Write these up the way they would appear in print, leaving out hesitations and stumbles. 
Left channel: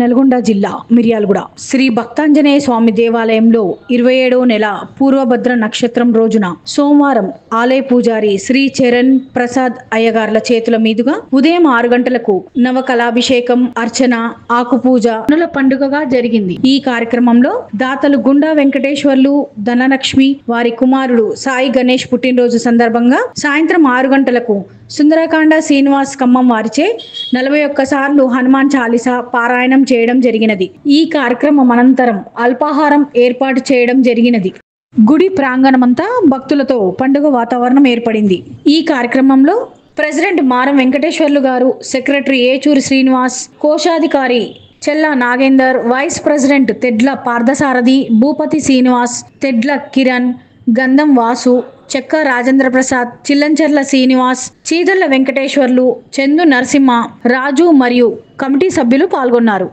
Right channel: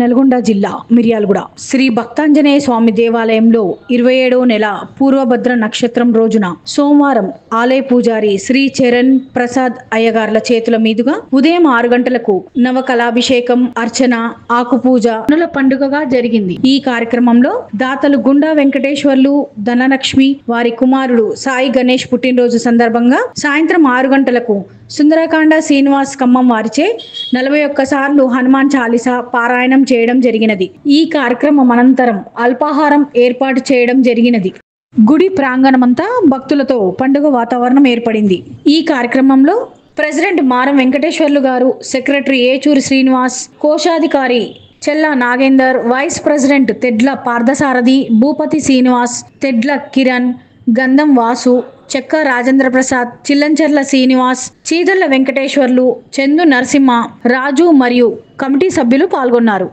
నల్గొండ జిల్లా మిర్యాలగూడ శ్రీ భక్తాంజనేయ స్వామి దేవాలయంలో 27వ నెల పూర్వభద్ర నక్షత్రం రోజున సోమవారం ఆలయ పూజారి శ్రీ చరణ్ ప్రసాద్ అయ్యగార్ల చేతుల మీదుగా ఉదయం 6 గంటలకు నవకళాభిషేకం, అర్చన, ఆకుపూజ పండుగగా జరిగింది. ఈ కార్యక్రమంలో దాతలు గుండా వెంకటేశ్వర్లు, ధనలక్ష్మి, వారి కుమారుడు సాయి గణేష్ పుట్టినరోజు సందర్భంగా సాయంత్రం 6 గంటలకు సుందరకాండ శ్రీనివాస్ ఖమ్మం వారిచే 41 సార్లు హనుమాన్ చాలీసా పారాయణం చేయడం జరిగినది. ఈ కార్యక్రమం అనంతరం అల్పాహారం ఏర్పాటు చేయడం జరిగినది. గుడి ప్రాంగణమంతా భక్తులతో పండుగ వాతావరణం ఏర్పడింది. ఈ కార్యక్రమంలో ప్రెసిడెంట్ మారం వెంకటేశ్వర్లు గారు, సెక్రటరీ ఏచూరి శ్రీనివాస్, కోశాధికారి చెల్లా నాగేందర్, వైస్ ప్రెసిడెంట్ తెడ్ల పార్థసారథి, భూపతి శ్రీనివాస్, తెడ్ల కిరణ్, గంధం వాసు, చెక్క రాజేంద్ర ప్రసాద్, చిల్లంచర్ల శ్రీనివాస్, చీదళ్ల వెంకటేశ్వర్లు, చందు నరసింహ, రాజు మరియు కమిటీ సభ్యులు పాల్గొన్నారు.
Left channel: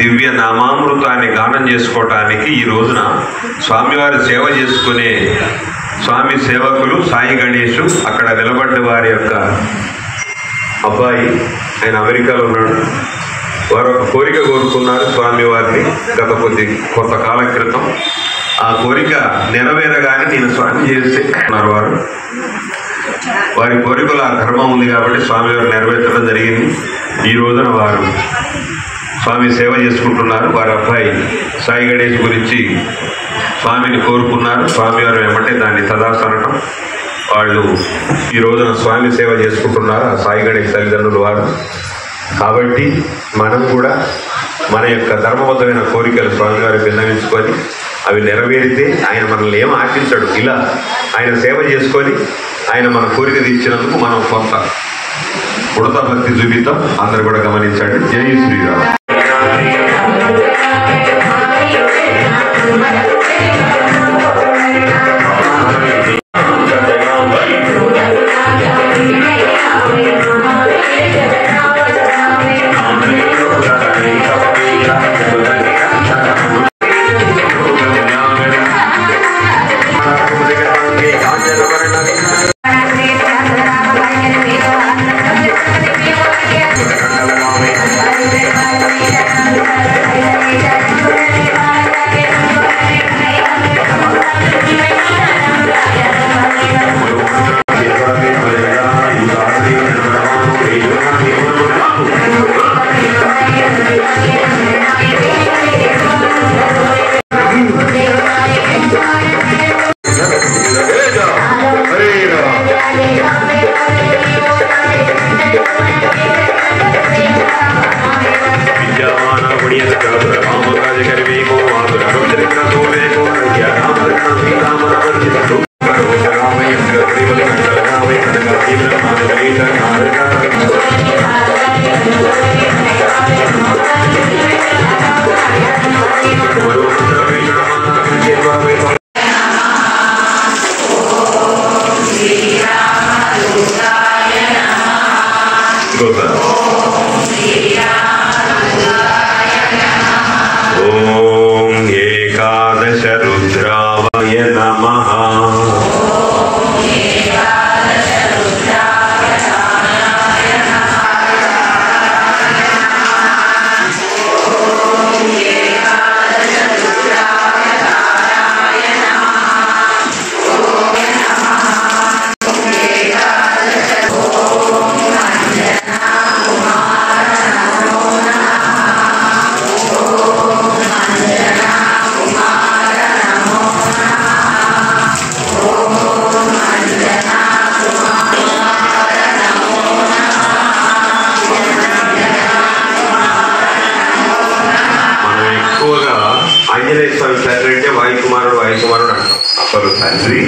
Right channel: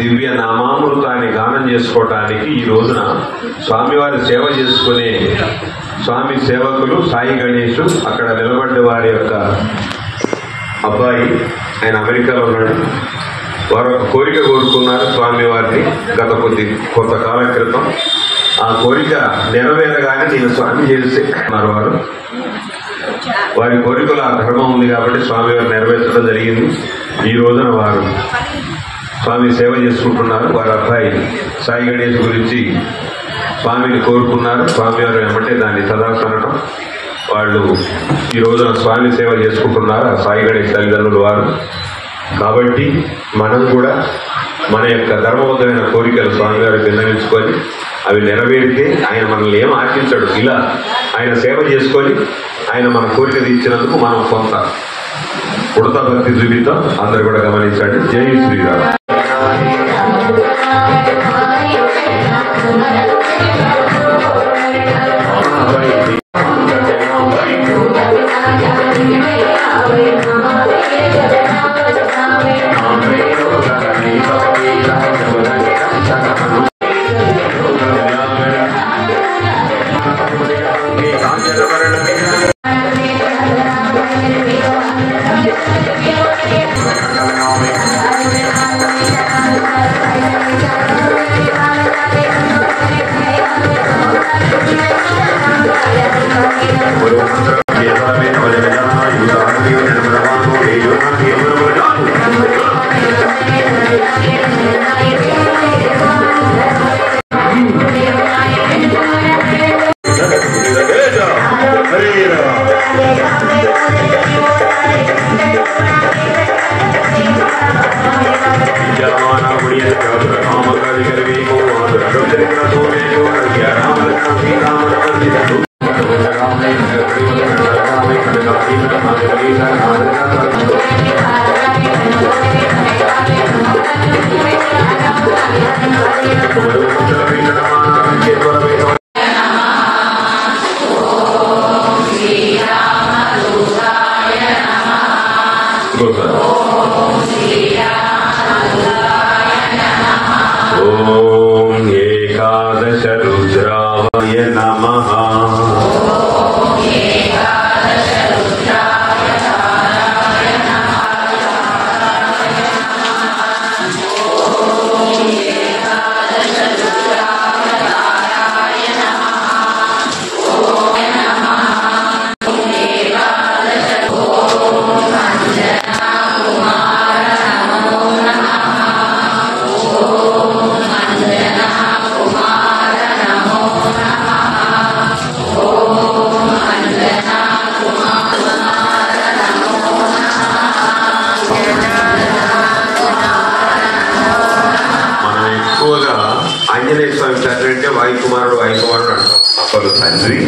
దివ్య నామామృతాన్ని గానం చేసుకోవటానికి ఈ రోజున స్వామివారి సేవ చేసుకునే స్వామి సేవకులు సాయి గణేష్, అక్కడ నిలబడ్డ వారి యొక్క అబ్బాయి, ఆయన అమెరికాలో ఉన్నాడు. వారు ఒక కోరిక కోరుకున్నారు స్వామివారిని గత కొంతకాలం క్రితం. ఆ కోరిక నెరవేరగానే నేను స్వామి చేస్తున్నారు. వారి కోరికలు ఆ ధర్మం ఉంది కాబట్టి స్వామివారు నెరవేర్చడం జరిగింది. ఈ రోజున వారు స్వామి సేవ చేసుకుంటున్నారు. వారి అబ్బాయి సాయి గణేష్ గురించి స్వామిని కోరుకున్నారు. స్వామివారు ఏమంటే దాన్ని తదాసనటం. వాళ్ళు ఈ రోజున స్వామి సేవ చేసుకుంటున్నారు, ఆ సాయి గణేష్ తల్లిదండ్రులు వారు. కాబట్టి మనం కూడా మన యొక్క ధర్మబద్ధమైన కోరికలు స్వామివారికి విన్నవించుకొని అవి నెరవేరితే ఆయన మనల్ని ఏం ఆశించడు. ఇలా ఆయన సేవ చేసుకొని ఆయన మన కోరిక తీర్చినందుకు మనం కొంత ఉడత భక్తి చూపిద్దాం. అందరు కూడా గమనించండి. జై శ్రీరామ్. అప్పలు తండ్రి,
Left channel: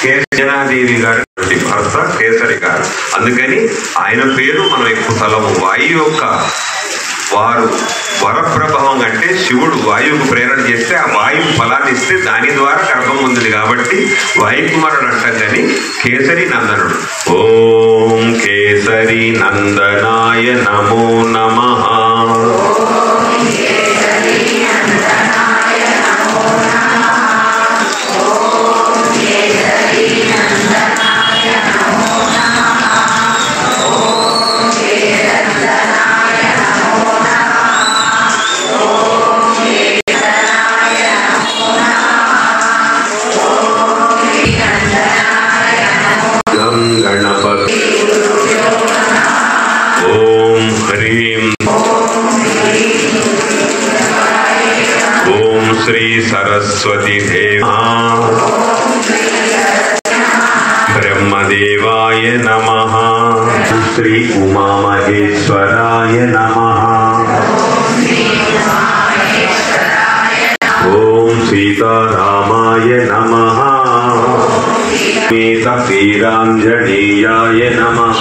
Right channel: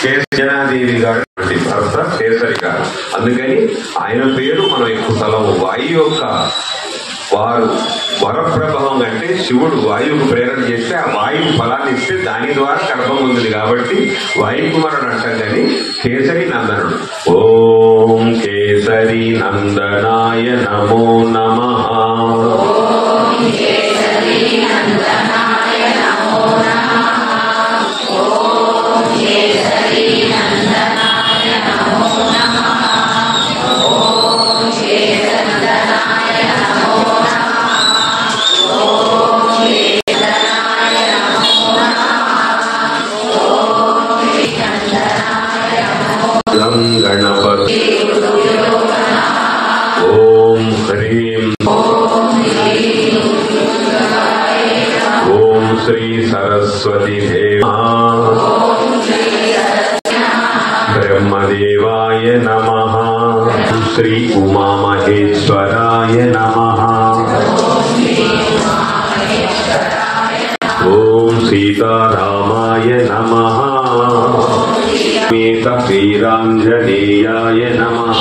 కేశనాదేవి గారి భర్త కేసరి గారు. అందుకని ఆయన పేరు మనం ఎక్కువ తలము. వాయు యొక్క వారు వరప్రభావం అంటే శివుడు వాయువుకు ప్రేరణ చేస్తే ఆ వాయువు ఫలాన్ని ఇస్తే దాని ద్వారా గర్భం ఉంది కాబట్టి వాయుకుమారుడు అంటాం కానీ కేసరి నందనుడు. ఓం కేసరి నందనాయ నమో నమః. ఓం హ్రీం ఓం శ్రీ సరస్వతి దేవా బ్రహ్మదేవాయ నమః. శ్రీ ఉమామహేశ్వరాయ నమః. ఓం సీతారామాయ నమః. శ్రీరాంజనేయాయ నమః.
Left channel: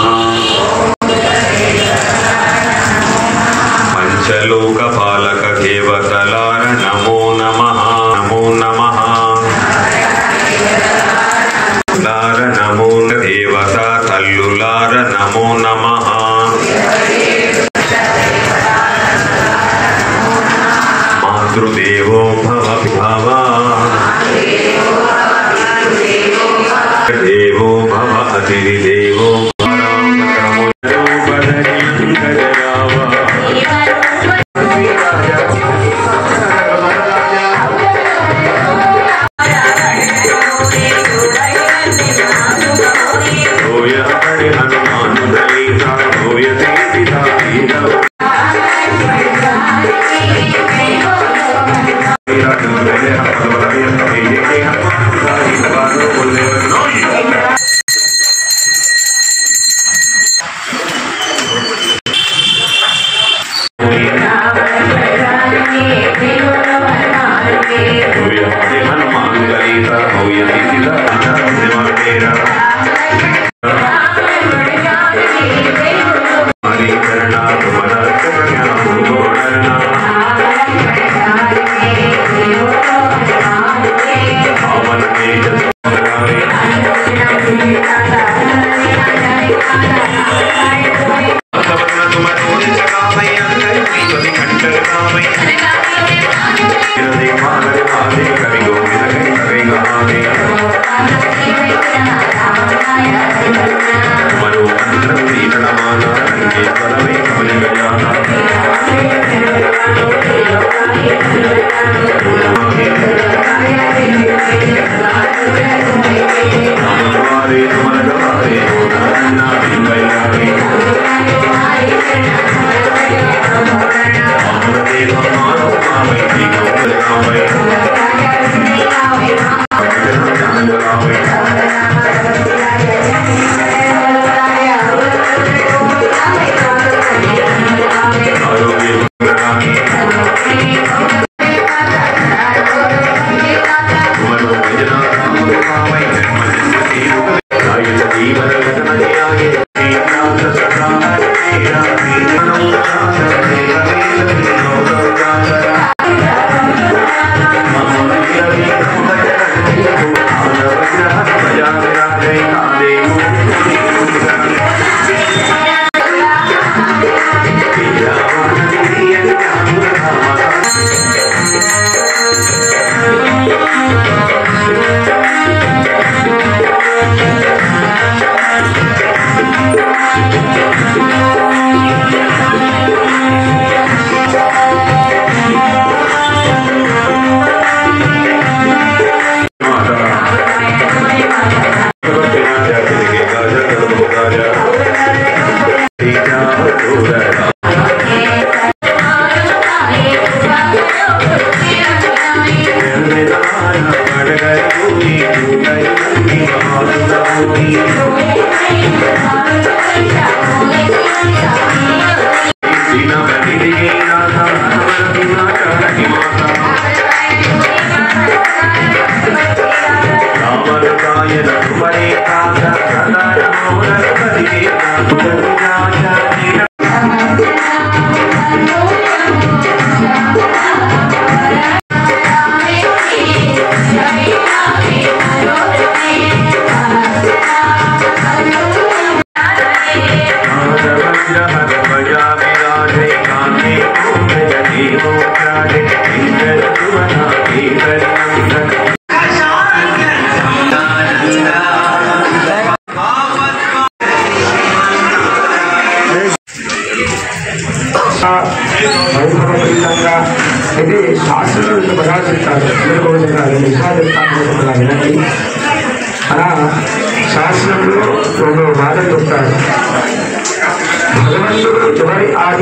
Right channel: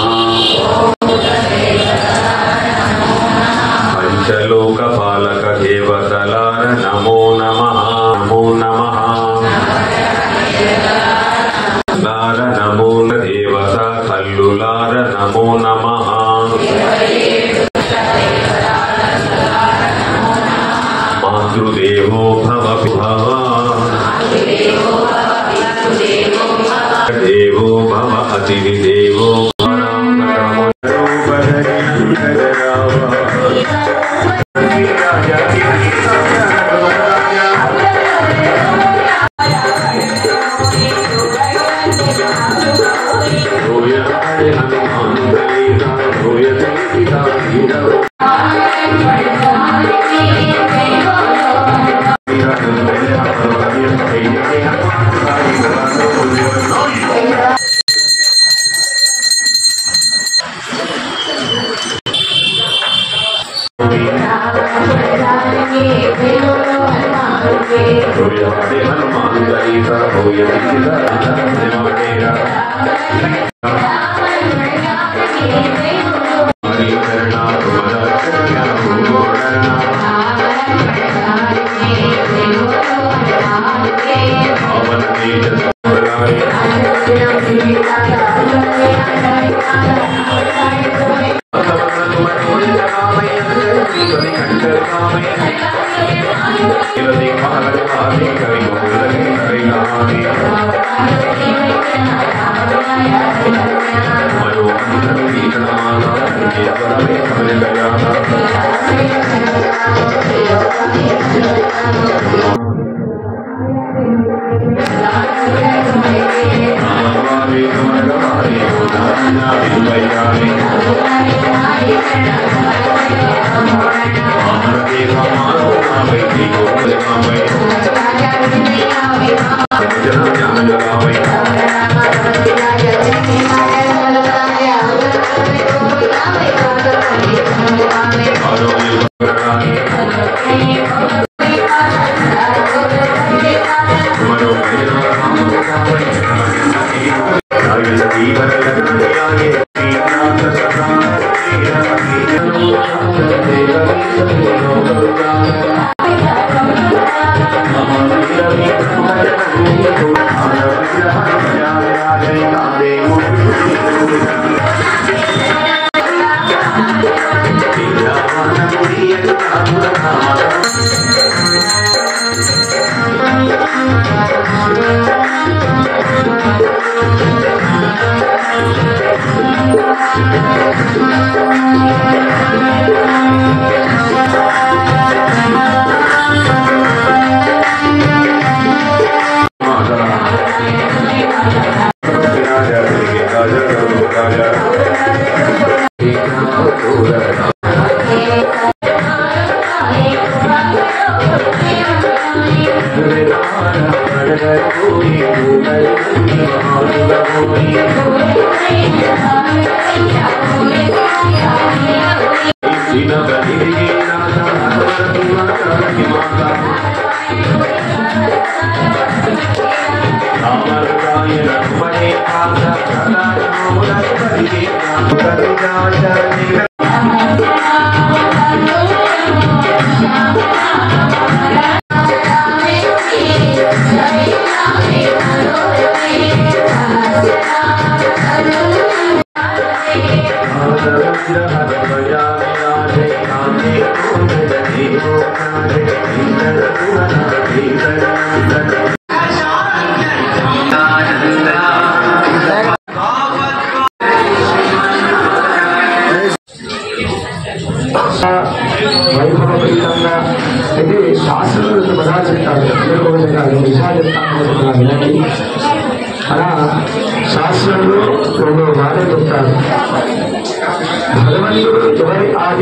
పంచలోకపాలక దేవతలార నమో నమః. నమో నమః. లార నమో దేవత తల్లులార నమో నమః. మాతృదేవో భవ భవ దేవో భవ అతిథి దేవో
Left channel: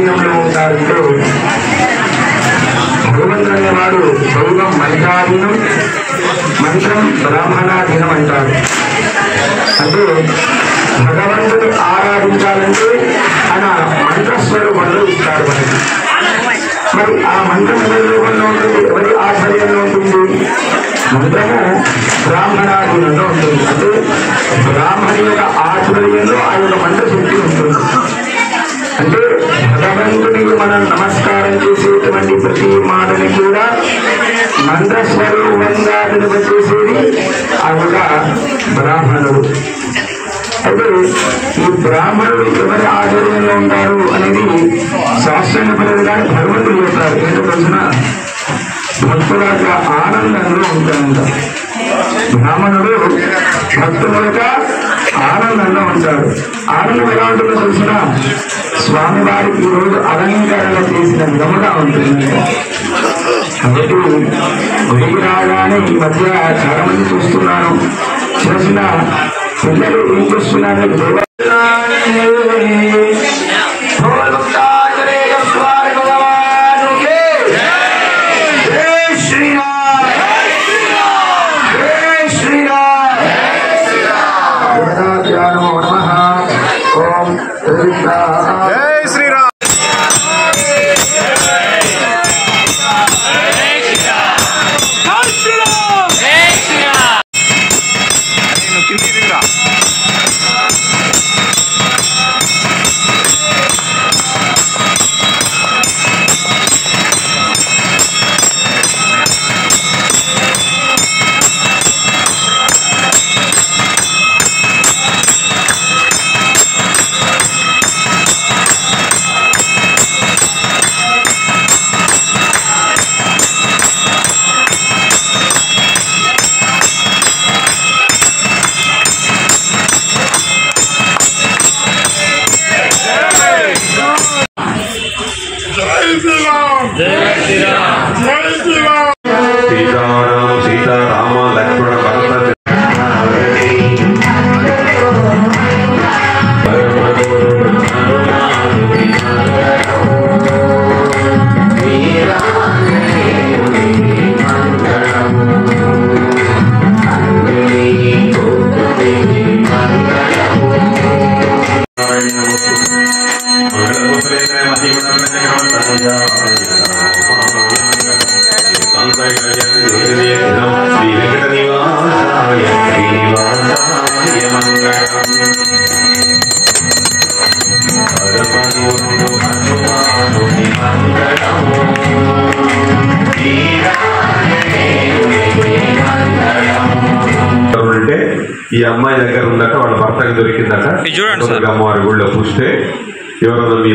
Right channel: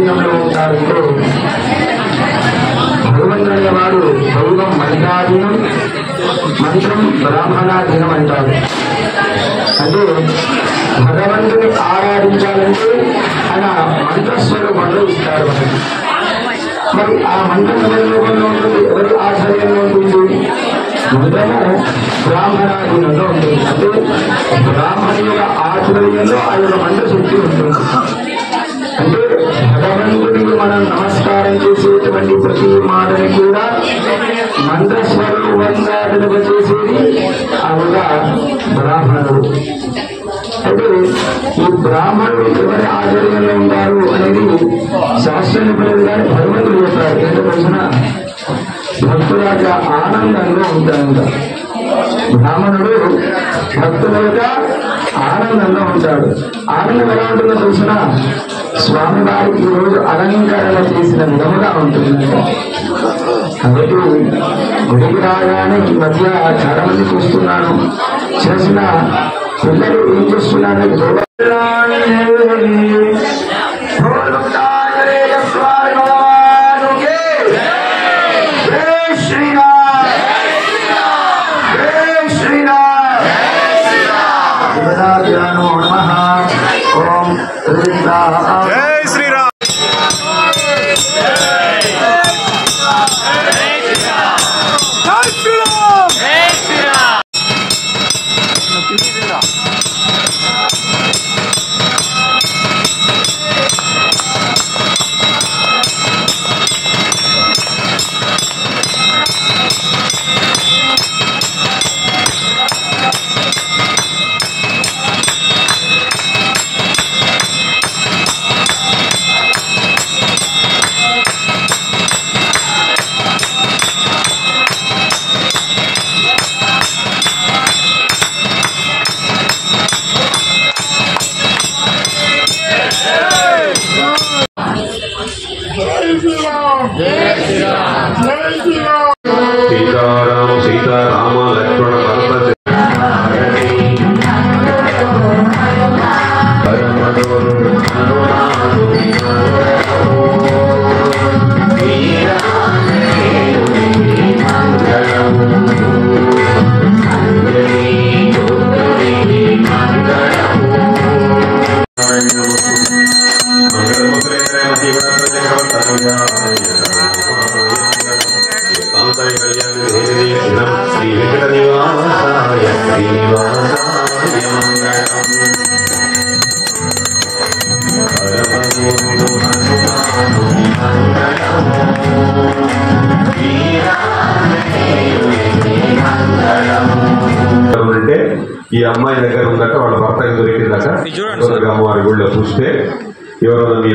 ఆధీనంలో ఉంటారంటే భగవంతుడు అనేవాడు దైవం మంత్రాధీనం, మంత్రం బ్రాహ్మణాధీనం అంటారు. అంటే భగవంతుని ఆరాధించాలంటే ఆయన మంత్రస్వరూపంలో ఇస్తాడు మనకి. మరి ఆ మంత్రం స్వరూపంలో ఉంటుంది, ఎవరి ఆశ్రయంలో ఉంటుంది? మంత్రము బ్రాహ్మణాధీనంలో ఉంటుంది. అంటే బ్రాహ్మణి యొక్క ఆశ్రయంలో ఆ యొక్క మంత్రశక్తి ఉంటుంది. అంటే భగవంతుడికి మనం నమస్కారం చేసేటువంటి ప్రతి మాటని కూడా మంత్రస్వరూపంగా వినిపించేసేది ఆ యొక్క బ్రాహ్మణుడు. అయితే ఈ బ్రాహ్మణుడు ఎవరి ఆధ్వర్యంలో ఉంటారు అనేది శాస్త్రం చెప్పలేదు, కానీ భగవంతుడు చెప్తారు. ఏంటో తెలిసిన భక్తుల యొక్క ఆనందంలో ఉంటాడంట. బ్రాహ్మణుడు భక్తుల యొక్క ఆనందంలో ఉంటాడు. ఆనందం ఎలా ఉంటుందో తెలిసిన స్వామివారికి ఈరోజు అలంకరణ చేసిన విధముగా ఉంటుందంట. కాబట్టి గుడికి రాగానే ఈ మధ్య చాలా మంది చూస్తున్నాను, చేసిన పిల్లలు ఏం చేస్తున్నారు? జై శ్రీరామ్. सीताराम सीताराम लक्ष्मण भरत ఈ అమ్మాయి దగ్గర ఉందట, వాళ్ళ భర్తకు దొరికిందట. అమ్మవారి గుళ్ళో చూస్తే ఎవరో మీ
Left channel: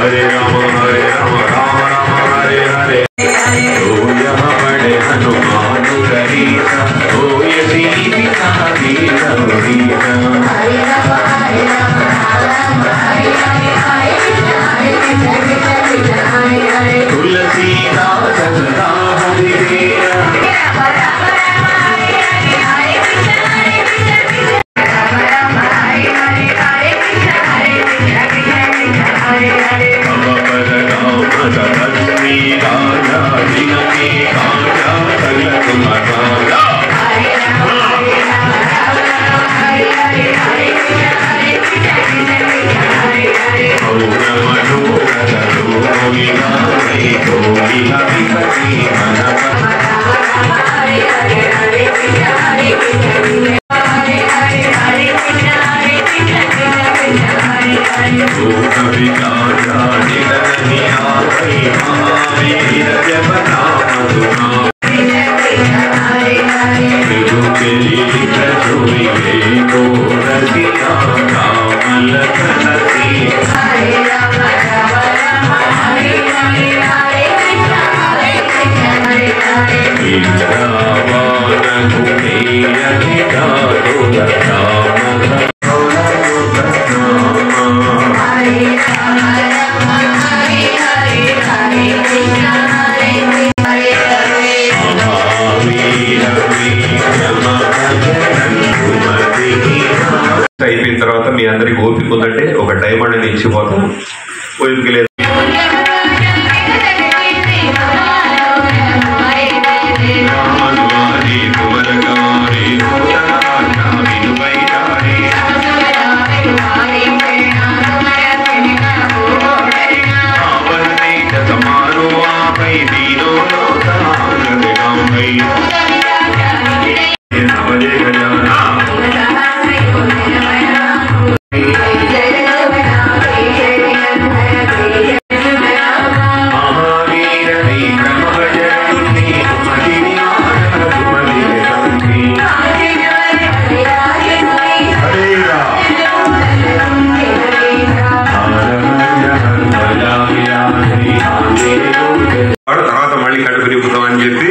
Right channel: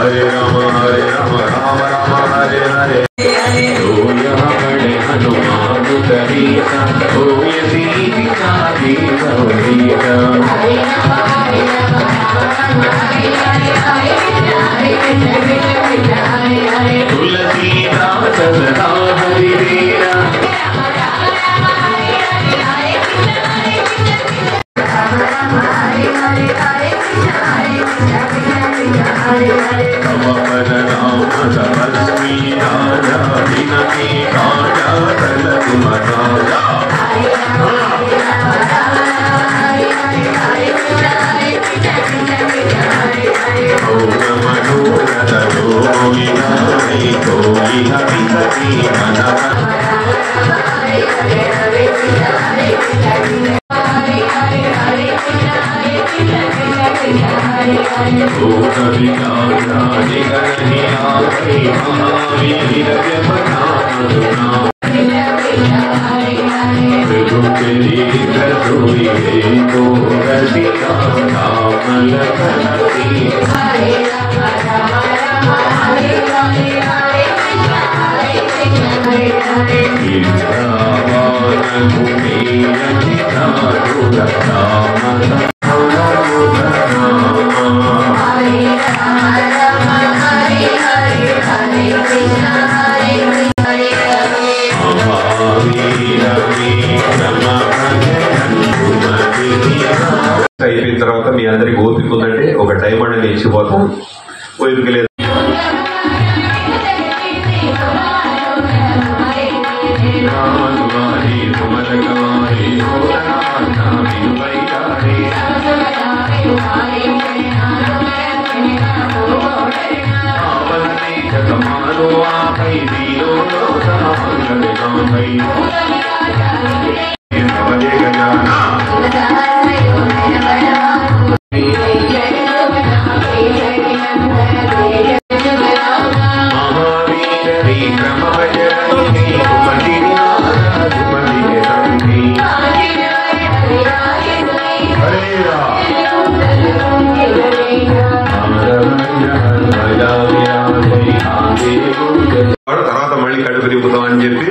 హరే రామ హరే రామ రామ రామ హరే హరే హనుమాను Rama తర్వాత మళ్ళీ కడుపు నింపుతామని చెప్పి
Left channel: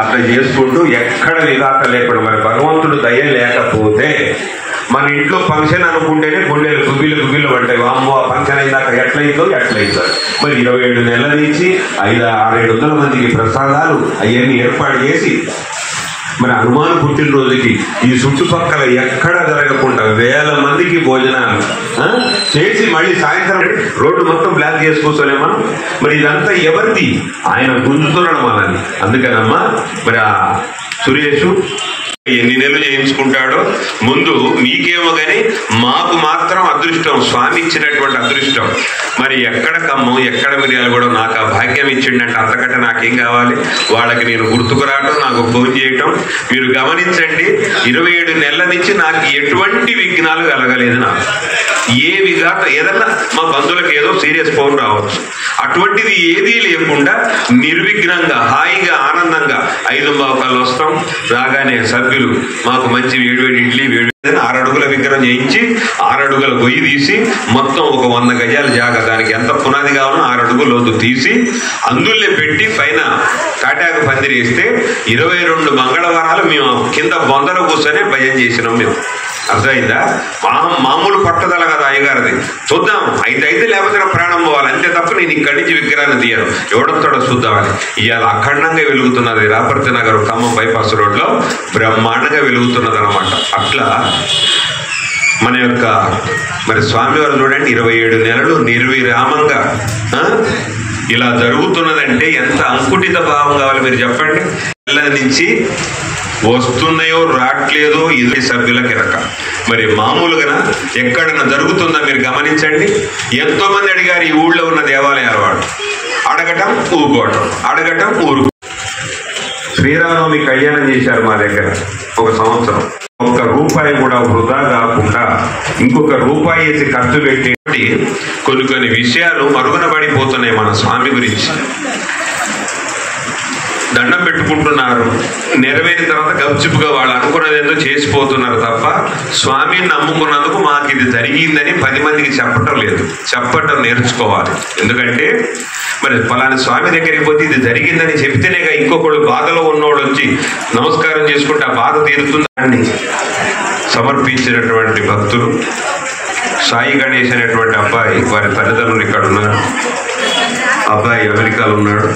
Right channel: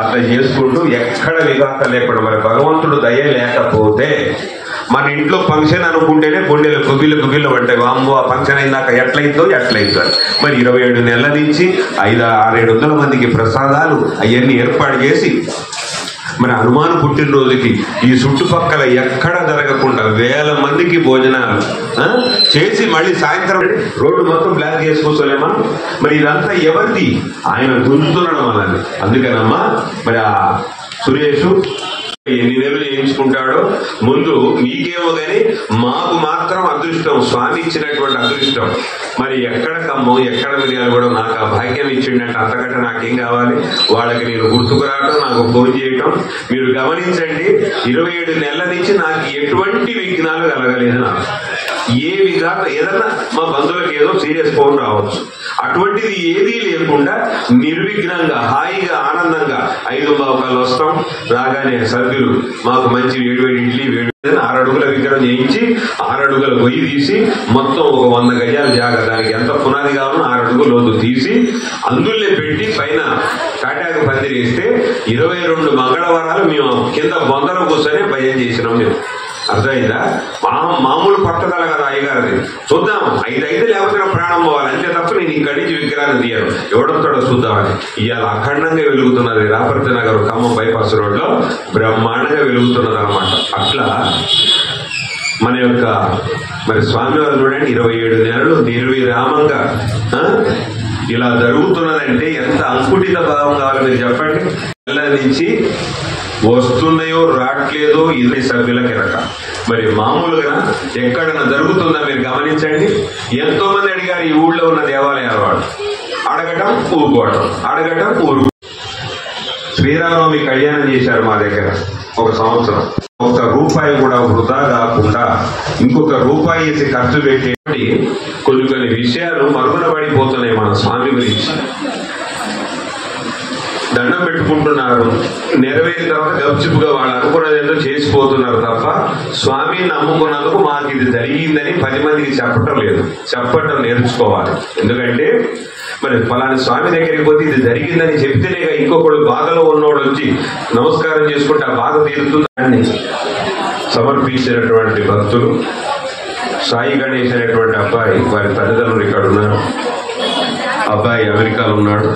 అట్లా చేసుకుంటూ ఎక్కడ విధాక లేకుండా మరి భగవంతుడు దయ లేకపోతే మన ఇంట్లో ఫంక్షన్ అనుకుంటేనే గుండెలు గుబిళ్ళు పడ్డాయి. వామ్మో ఆ ఫంక్షన్ అయినాక ఎట్లయితో మరి 27 నెలల నుంచి 500-600 మందికి ప్రసాదాలు అవన్నీ ఏర్పాటు చేసి మరి హనుమాన్ పుట్టినరోజుకి ఈ చుట్టుపక్కల ఎక్కడ జరగకుండా 1000 మందికి భోజనాలు చేసి మళ్ళీ సాయంత్రం రోడ్డు మొత్తం బ్లాక్ చేసుకోలే మనం. మరి ఇదంతా ఎవరిది? ఆయన గుంజుతున్నాడు మనల్ని. అందుకనమ్మా మరి ఆ సురేషు ఎన్ని నెలలు చేయించుకుంటాడో ముందు మీకేమో కానీ మాకు మాత్రం అదృష్టం, స్వామి ఇచ్చినటువంటి అదృష్టం. మరి ఎక్కడ కమ్మం ఎక్కడ మిరియాలు కూడా నాకు ఆ భాగ్యం ఇచ్చిండంటే అంతకంటే నాకేం కావాలి? వాళ్ళకి నేను గుర్తుకు రావటం, నాకు ఫోన్ చేయటం. మీరు గమనించండి, 27 నెలల నుంచి నాకు ఎటువంటి విఘ్నాలు కలగలేదు. నాకు ఏవి కాక ఏదన్నా మా బంధువులకు ఏదో సీరియస్ ఫోన్ రావచ్చు, అటువంటిది ఏదీ లేకుండా నిర్విఘ్నంగా హాయిగా ఆనందంగా 5:15 వస్తాం. రాగానే సభ్యులు మాకు మంచి వేడివేడి ఇడ్లీ 6 అడుగుల విగ్రహం చేయించి 6 అడుగుల గొయ్యి తీసి మొత్తం ఒక 100 గజాల జాగా, దానికి ఎంత పునాది కావాలో 6 అడుగుల లోతు తీసి అందులో పెట్టి పైన కాటాకు పందిరేస్తే 22 మంగళవారాలు మేము కింద బొందలో కూర్చొని భయం చేసినాం. మేము అర్థమైందా? మామూలు పట్టుదల కదా అయ్యగారిది. చూద్దాం అయితే లేకపోతే ప్రాణం పోవాలి అంతే తప్ప నేను ఇక్కడి నుంచి విగ్రహాన్ని తీయను, ఎవడంతోడో చూద్దామని. ఇవాళ అఖండంగా వెలుగుతున్నది రాపర్తి నగర్ ఖమ్మం బైపాస్ రోడ్లో బ్రహ్మాండంగా వెలుగుతున్నది అనమాట. అట్లా మన యొక్క మరి స్వామివారు చూడండి 27 నెలలు నిర్విరామంగా ఇలా జరుగుతున్నదంటే ఎంత అంకుటిత భావం కావాలి మీరు చెప్పండి. నెల నుంచి వస్తున్నాయో రావట్లేదో ఇది సభ్యులకి రక. మరి మామూలుగా ఎక్కడన్నా జరుగుతుందా మీరు గమనించండి. ఎంతో మంది అడిగారు ఈ ఊళ్ళో ఉన్న దేవాలయాల వాడు, అడగటం ఊరుకోవటం, అడగటం ఊరు. శ్రీరామనవమి కళ్యాణం చేశారు మా దగ్గర ఒక సంవత్సరం. ₹1 కూడా వృధా కాకుండా ఇంకొక రూపాయి వేసి ఖర్చు పెట్టి కొన్ని విషయాలు మరుగున పడిపోతున్నాయి మన స్వామి గురించి. దండం పెట్టుకుంటున్నారు, నెరవేరిన తర్వాత గప్చిపుగా వాళ్ళు అనుకున్నది ఏదో చేసిపోతున్నారు తప్ప స్వామిని నమ్ముకున్నందుకు మాకు ఇది జరిగిందని 10 మందికి చెప్పటం లేదు. చెప్పటం నేర్చుకోవాలి. ఎందుకంటే మరి ఫలానా స్వామి దగ్గరికి పోతే ఇది జరిగిందని చెప్తేనేగా ఇంకొకడు బాధలో ఉన్నోడు వచ్చి నమస్కారం చేసుకుంటే ఆ బాధ తీరుతుందని సమర్పించినటువంటి భక్తులు. సాయి గణేష్ అనేటువంటి అబ్బాయి, వారి తల్లిదండ్రులు ఇక్కడ ఉన్నారు, అబ్బాయి అమెరికాలో ఉన్నాడు.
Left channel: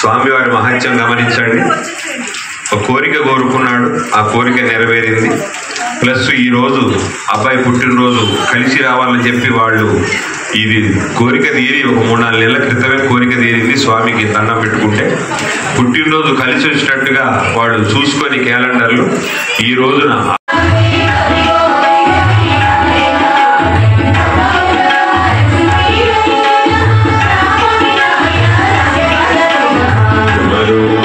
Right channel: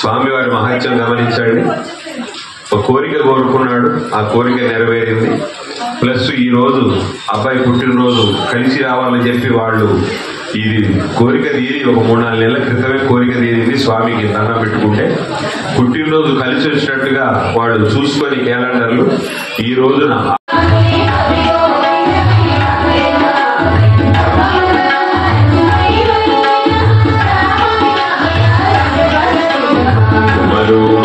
స్వామివారి మహత్యం గమనించండి. ఒక కోరిక కోరుకున్నాడు, ఆ కోరిక నెరవేరింది. ప్లస్ ఈరోజు అబ్బాయి పుట్టినరోజు కలిసి రావాలని చెప్పి వాళ్ళు ఇది కోరిక తీరి ఒక 3-4 నెలల క్రితమే కోరిక తీరింది. స్వామికి దండం పెట్టుకుంటే పుట్టినరోజు కలిసి వచ్చినట్టుగా వాళ్ళు చూసుకొని క్యాలెండర్లు ఈ రోజున Thank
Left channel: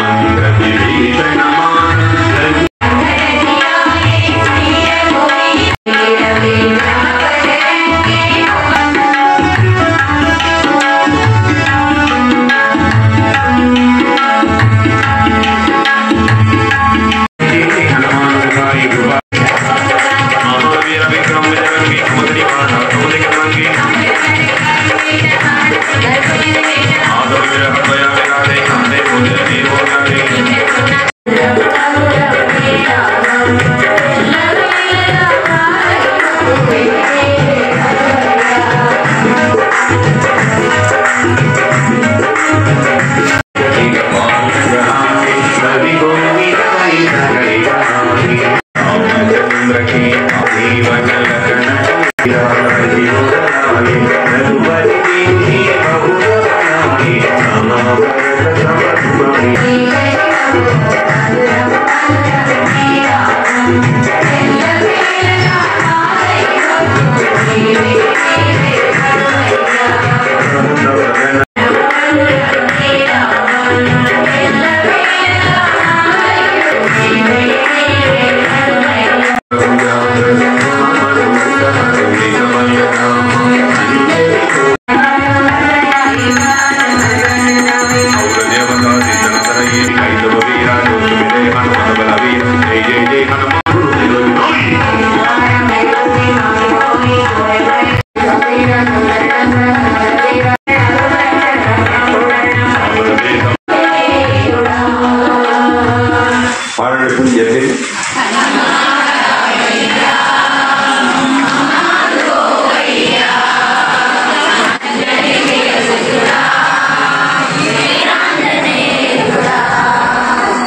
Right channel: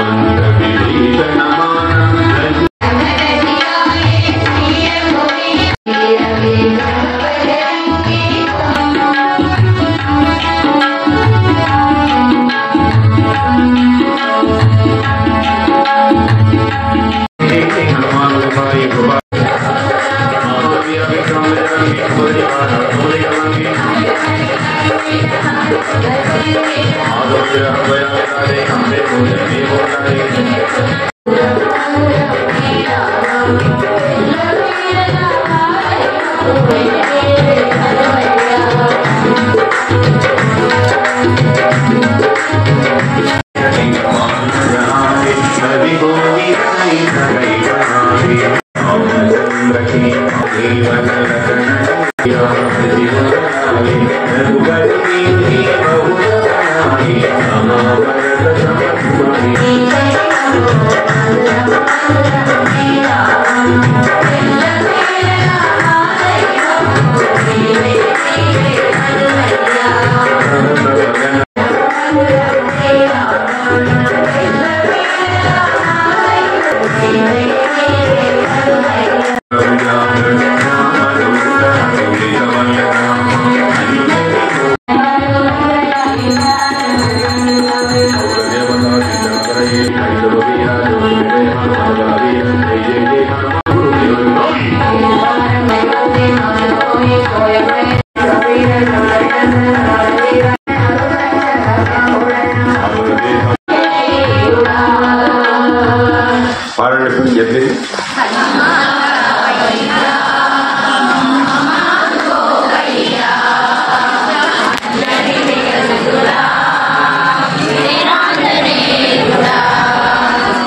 you.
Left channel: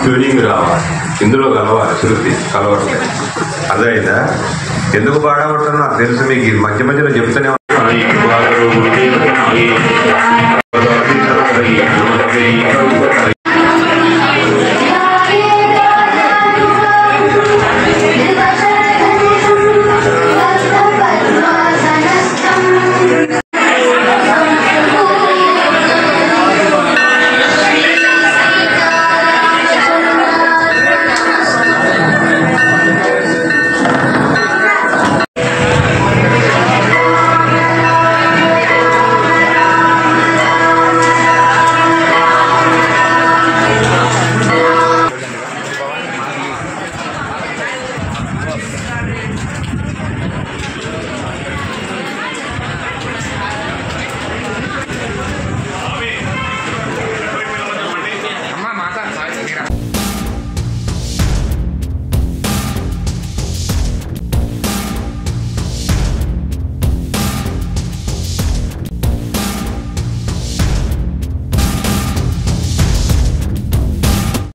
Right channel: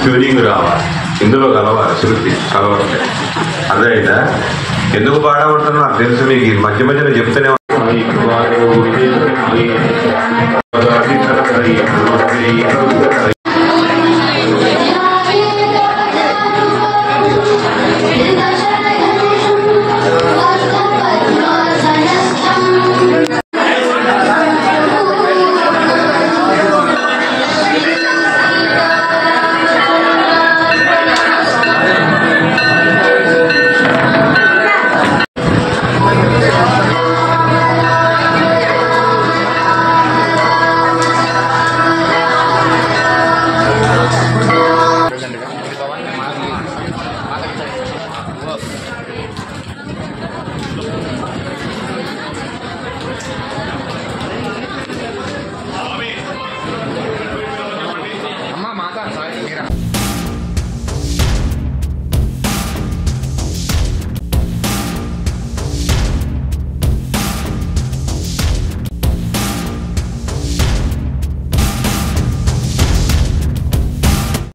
ట్యూనింగ్ రావాలి, ఇందులో కలవాలి, శృతి కలవట్లేదు. అదైందా? ఎందుకు పాడమంటున్నా నాకు తెలుసు, మీకు మధ్య మధ్యలో చెప్తూనే